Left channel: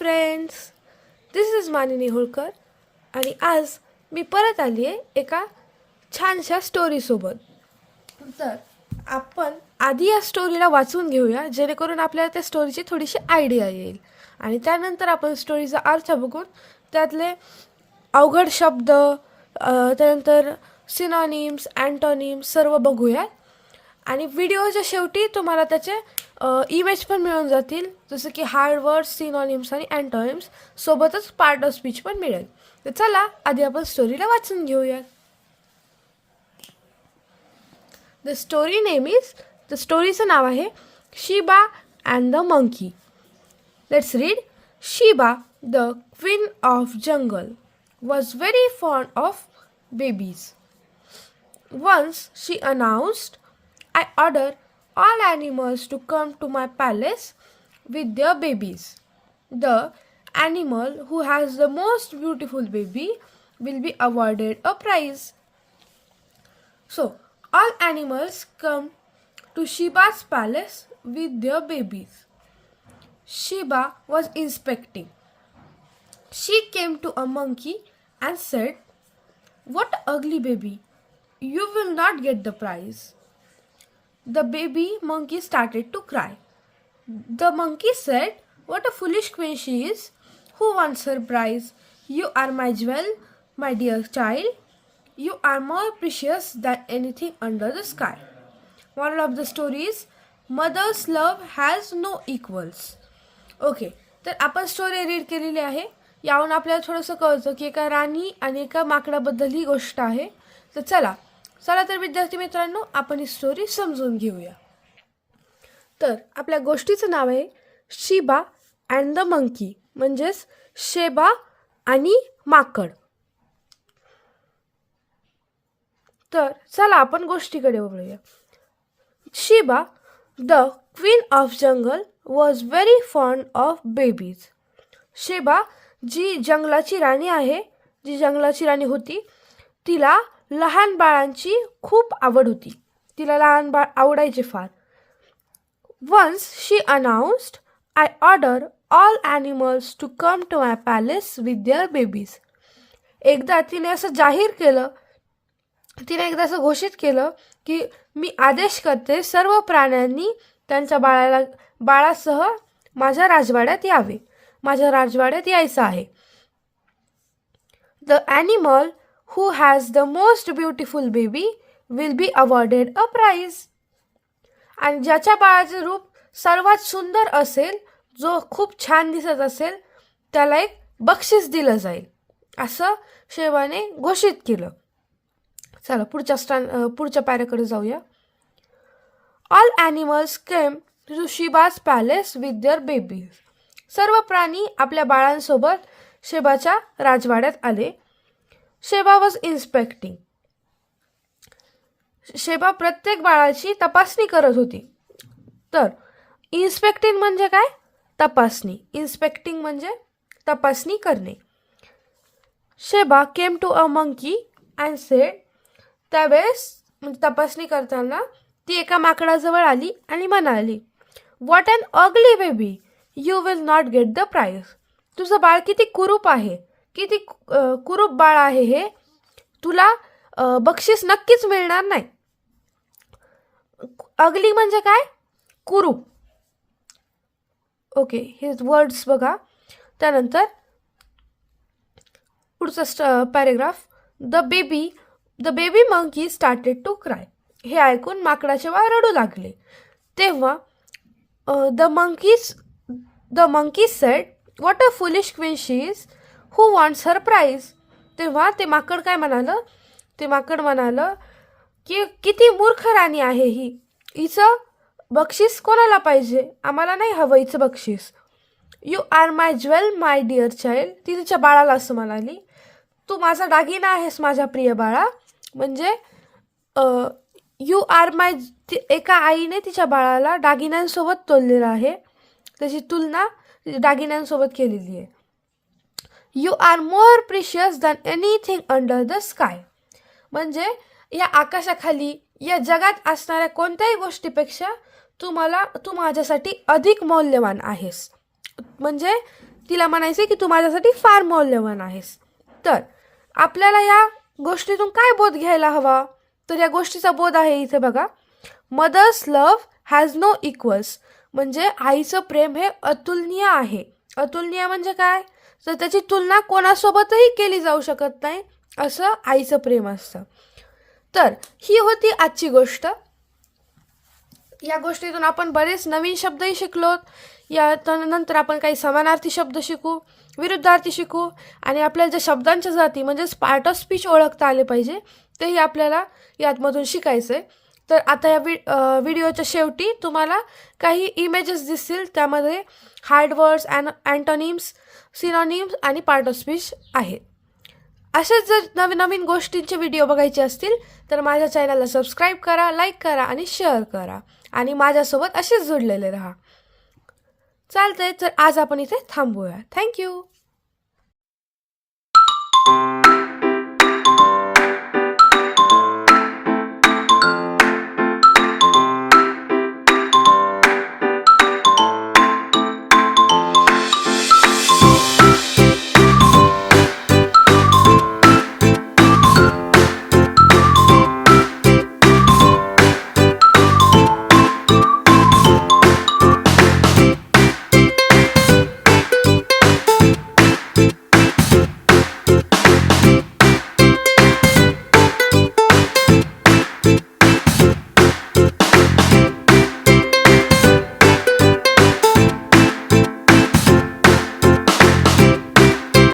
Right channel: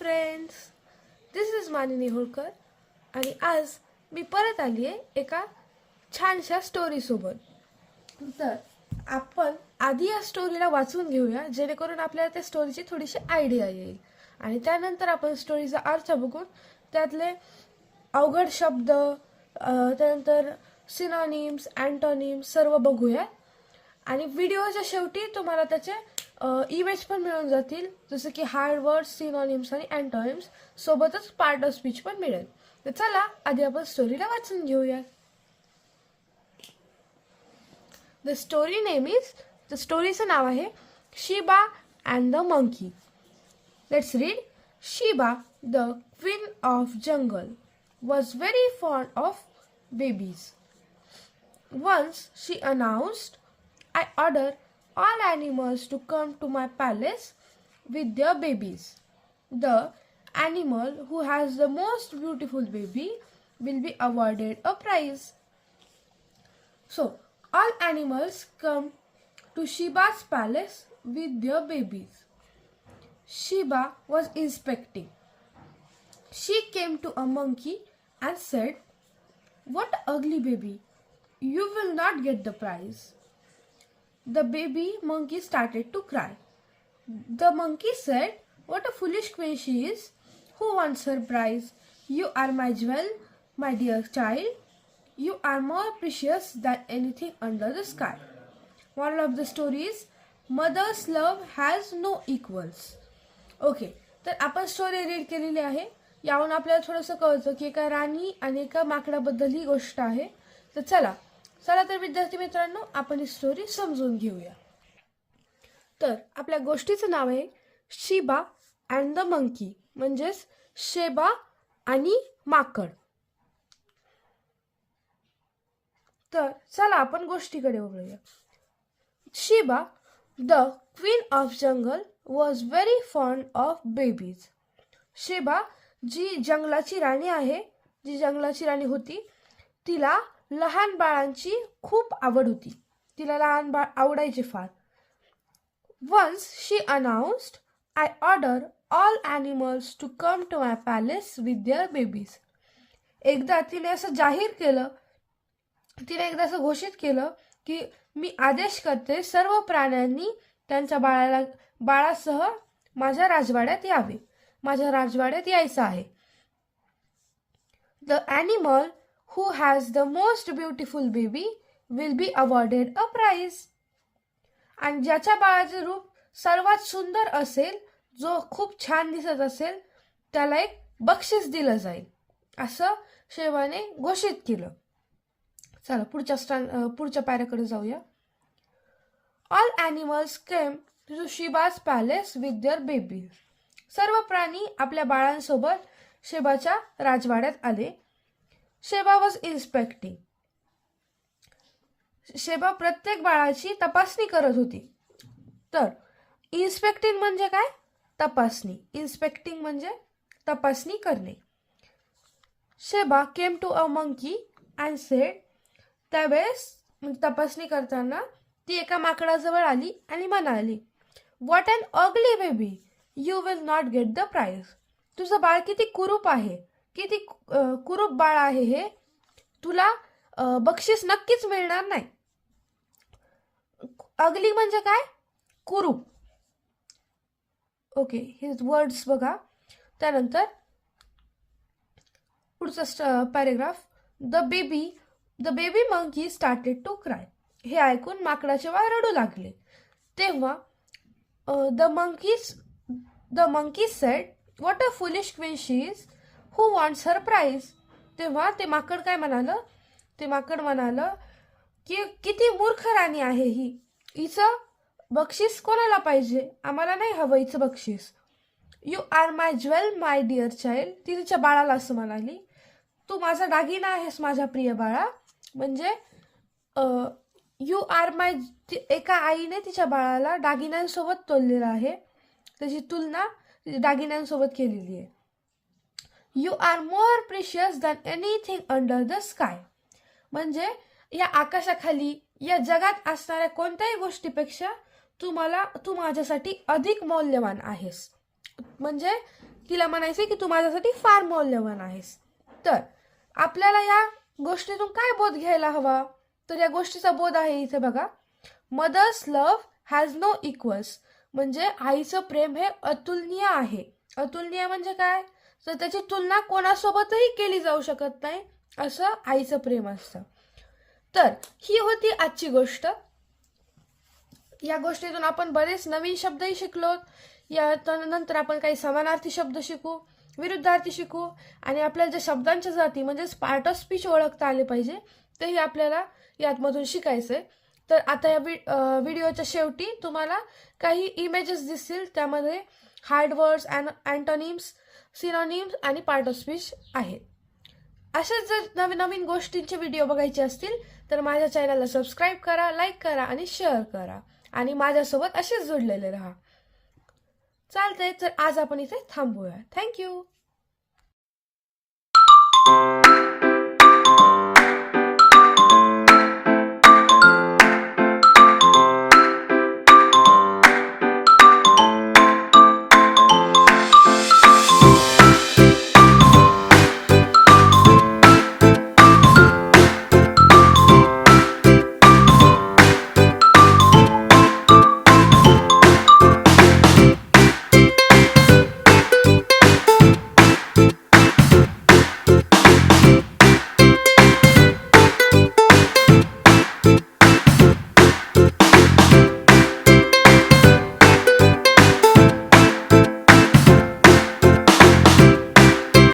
Friends, this is मानिनी होळकर आणि आज मी परत आली आहे एका छानशा स्टोरीसोबत. तर आपण आधी या स्टोरीला वाचून घेऊया जेणेकरून आपल्याला त्या स्टोरीची थोडीशी आयडिया येईल आणि त्यानंतर आपण स्टोरीचा अर्थ बघून त्यातले अवघड शब्द त्यानंतर सिनॉनिम्स अँटोनिम्स सर्व बघूया आणि व्हिडिओच्या शेवटी तुम्हाला त्याचे इमेज पण मिळून जातील, जसं की हार्ड वर्ड्स, सिनॉनिम्स आणि अँटोनिम्स सोबतच पार्ट ऑफ स्पीच पण मिळेल. तर चला आधी आपण स्टोरीला वाचून घेऊया. द स्टोरीचं नाव आहे Sheba and the monkey. Let's read. Shiba, the queen of jungle, was very fond of babies. Once she announced, I order all animals to come to my palace with their babies. The animal who has the most beautiful baby will be awarded a prize. So, all animals come to Shiba's palace with their babies. Shiba was inspecting. She came to a monkey and said, "What ugly baby! You will not get the prize." The baby monkey started to cry. The monkey said, "What a foolish queen she is! Who wants her prize? You are my jewel, my dear child. You are more precious than anything under the sky." Moral of the story is, mother's love has no equals. Okay, तर आपण story read केलेली आहे. यावरून आपल्याला थोडंसं कळतं की एका राणी आणि एका माकडाबद्दल ही गोष्ट आहे. तर चला तर विद्यार्थी मित्रांनो, आपण ही स्टोरी समजून घेऊया. तर आपल्या गोष्टीचं नाव आहे शिबा अँड द मंकी, म्हणजेच शेबा आणि माकड. तर चला आपण गोष्टीकडे वळूया. Sheba, the queen of jungle, was very fond of babies. Sheba जी जंगलाची राणी होती, तिला लहान बाळांची खूप आवड होती. तिला लहान बाळ आवडायचे फार. Once she announced, I order all animals to come to my palace with their babies. एकदा तिने असं घोषित केलं की मी आदेश करते सर्व प्राण्यांनी त्यांच्या बाळासह माझ्या राजवाड्यात यायचं आहे. The animal who has the most beautiful baby will be awarded a prize. आणि ज्याच्या बाळाचे रूप सर्वात सुंदर असेल, जो खूप छान दिसत असेल, त्याला एक बक्षीस दिलं जाईल, असं शेबाने घोषित केलं. चला पुढच्या पॅराकडे जाऊया. All animals came to Sheba's palace with their babies. सर्व प्राणी आपल्या बाळांसोबत शेबाच्या राजवाड्यात आले. Sheba was इन्स्पेक्टिंग. शेबा प्रत्येक बाळाची तपासणी करत होती. तर इन्स्पेक्टिंग म्हणजे काय? तपासणी. इन्स्पेक्टिंग म्हणजे तपासणी करणे. Sheba came to a monkey and said. त्यावेळेस म्हणजे तपासणी करताना ती एका माकडाजवळ आली आणि म्हणाली, "what an ugly baby! You will not get the prize." तुझं बाळ किती कुरूप आहे, किती कुरूप बाळ आहे हे, तुला बक्षीस नक्कीच मिळणार नाही. अगली म्हणजे काय? कुरूप. ओके, हे वर्ड्स बघा. त्यानंतर पुढचा paragraph. The baby monkey started to cry. हे ऐकून माकडाचे बाळ रडू लागले. तेव्हा the monkey said, "what a foolish queen she is, who wants her prize." तेव्हा ते माकड म्हणालं की किती मूर्ख राणी आहे ही, हिचं बक्षीस कोणाला पाहिजे, आम्हाला नाही हवं हिचं बक्षीस. "You are my jewel, my dear child." ती तिच्या बाळाला असं म्हणाली, "तू माझा दागिना आहेस माझ्या प्रिय बाळा." म्हणजे यू आर माय, एका आईने तिच्या बाळाला दागिन्यांसोबत तोललेलं आहे, त्याची तुलना दागिन्यांसोबत केलेली आहे. "You are more precious than anything under the sky." म्हणजे या आकाशाखाली, या जगात असणाऱ्या कोणत्याही गोष्टीपेक्षा तू माझ्यासाठी अधिक मौल्यवान आहेस. म्हणजे तिला म्हणायचे की तू माझ्यासाठी फार मौल्यवान आहेस. तर आपल्याला या गोष्टीतून काय बोध घ्यायला हवा? तर या गोष्टीचा बोध आहे इथे बघा, mother's love has no equals. म्हणजे आईचं प्रेम हे अतुलनीय आहे. अतुलनीय म्हणजे काय? तर त्याची तुलना कोणासोबतही केली जाऊ शकत नाही, असं आईचं प्रेम असतं. तर ही होती आजची गोष्ट. या गोष्टीतून आपण बरेच नवीन शब्दही शिकलो. या नंतर आपण काही समानार्थी शब्द शिकू, विरुद्धार्थी शिकू, आणि आपल्याला ज्या शब्दांच्या जाती म्हणजेच पार्ट ऑफ स्पीच ओळखता आले पाहिजे तेही आपल्याला यातमधून शिकायचं आहे. तर आता या व्हिडिओच्या शेवटी तुम्हाला काही इमेजेस दिसतील, त्यामध्ये हार्ड वर्ड्स, अँटोनिम्स, सिनोनिम्स आणि पार्ट ऑफ स्पीच आहेत. असेच जर नवीन नवीन गोष्टींचे व्हिडिओ बघायचे असतील तर माझ्या चॅनलला सबस्क्राईब करा, लाईक करा आणि शेअर करा, आणि माझ्यासोबत असेच जोडलेले राहा. चालतंय, तर आज आपण इथे थांबूया. थँक्यू.